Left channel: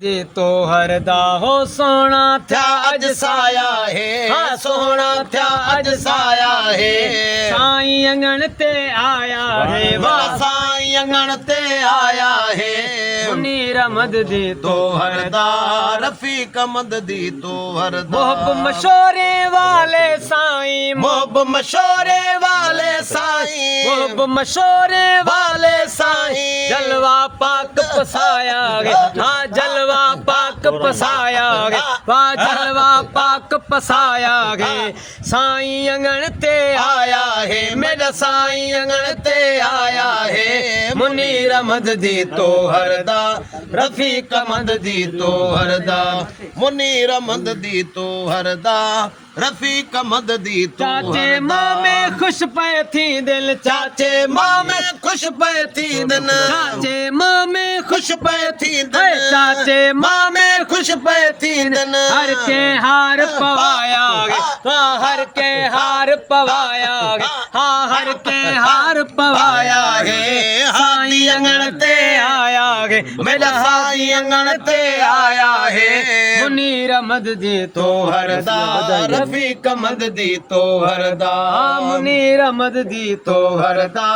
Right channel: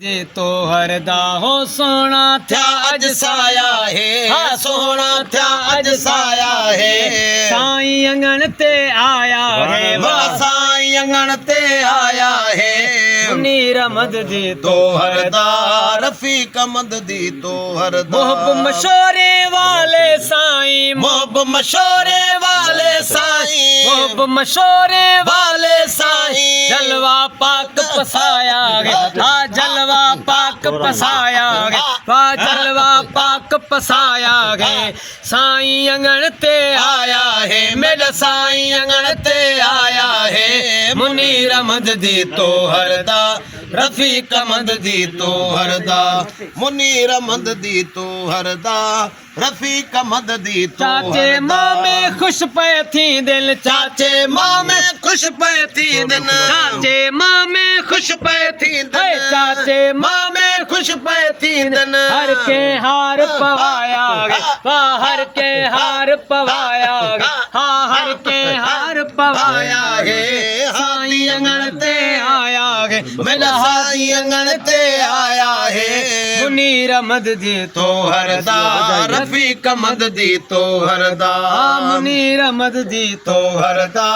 जे तो हरदा हो सोना थया अज साया है, हाँ सोना थया अज साया है। साईं अंगण ते आया है, वाह साईं अंगण ते आया है। मुनीर अहमद जी तो हरदा, रफीक अहमद दी तो हरदा। मोहब मशोरे वाले साईं, मोहब मशोरे वाले साईं, मोहब मशोरे वाले साईं। जलवा पाक पसाया है, हाँ जलवा पाक पसाया गे, वाह जलवा पाक पसाया गे। साईं अंगण ते आया है, मेरा साईं अंगण ते आया है। मुनीर अहमद दी तो हरदा, रफीक अहमद दी तो हरदा। मुनीर अहमद दी तो हरदा, रफीक अहमद दी तो चाचे माँ में खुश पे थी दिल, चाचे माँ में खुश पे थी दिन, चाचे माँ में खुश पे थी दिन, चाचे माँ में खुश पे थी दिन। हर के हार पवाया गे, हर के हार पवाया गे, हाँ हर के हार पवाया है। साईं अंगण ते आया गे, मेरा साईं अंगण ते आया है। मुनीर अहमद दी तो हरदा, रफीक अहमद दी तो हरदा। मुनीर अहमद दी तो हरदा,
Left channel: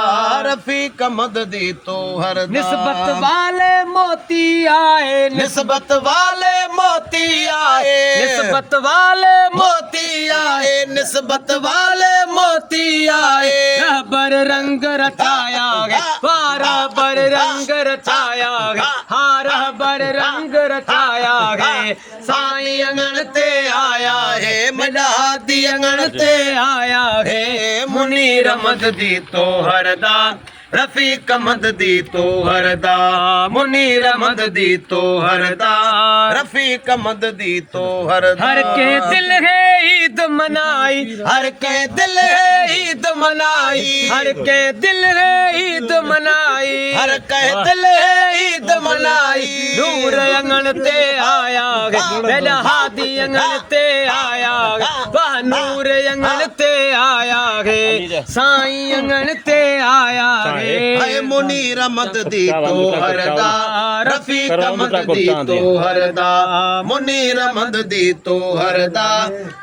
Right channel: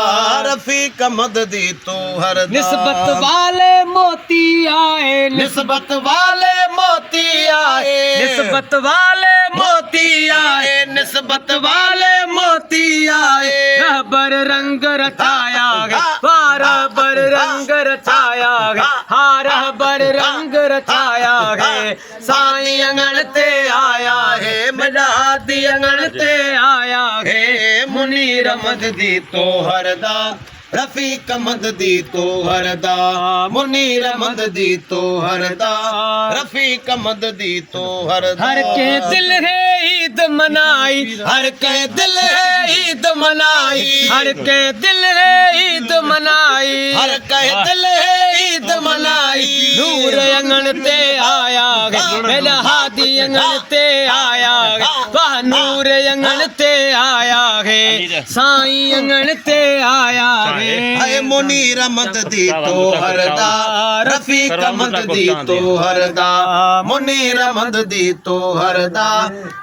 रफीक अहमद दी तो हरदा। निस्बत वाले मोती आए, निस्बत वाले मोती आए, निस्बत वाले मोती आए, निस्बत वाले मोती आए। रबर रंग रचाया गे, रबर रंग रचाया गे, हाँ रबर रंग रचाया गे। साईं अंगण ते आया है, मलादी अंगण ते आया है। मुनीर अहमद दी तो हरदा, रफीक अहमद दी तो हरदा। मुनीर अहमद दी तो हरदा, रफीक अहमद दी तो हरदा। हर के दिल है ईद मनाई, हर के दिल है ईद मनाई, हर के दिल है ईद मनाई, हर के दिल है ईद मनाई। नूर अंगण ते आया गे, मेरा हादी अंगण ते आया गे, वाह नूर अंगण ते आया गे। साईं अंगण ते आया गे। मुनीर अहमद दी तो हरदा, रफीक अहमद दी तो हरदा। मुनीर अहमद दी तो हरदा,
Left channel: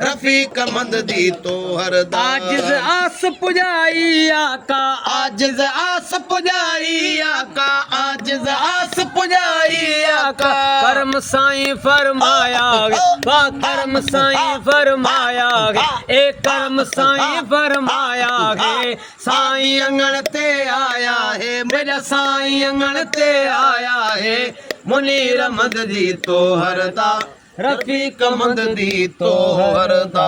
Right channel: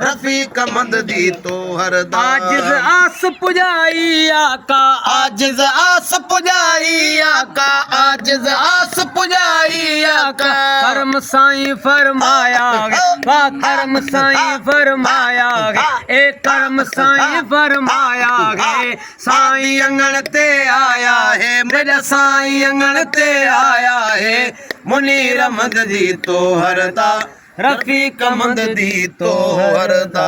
रफीक अहमद दी तो हरदा। आजिज़ आस पुजाई आका, आजिज़ आस पुजाई आका, आजिज़ आस पुजाई आका। करम साईं फरमाया गे, वाह करम साईं फरमाया गे, एक करम साईं फरमाया गे। साईं अंगण ते आया है, मेरा साईं अंगण ते आया है। मुनीर अहमद दी तो हरदा, रफीक अहमद दी तो हरदा।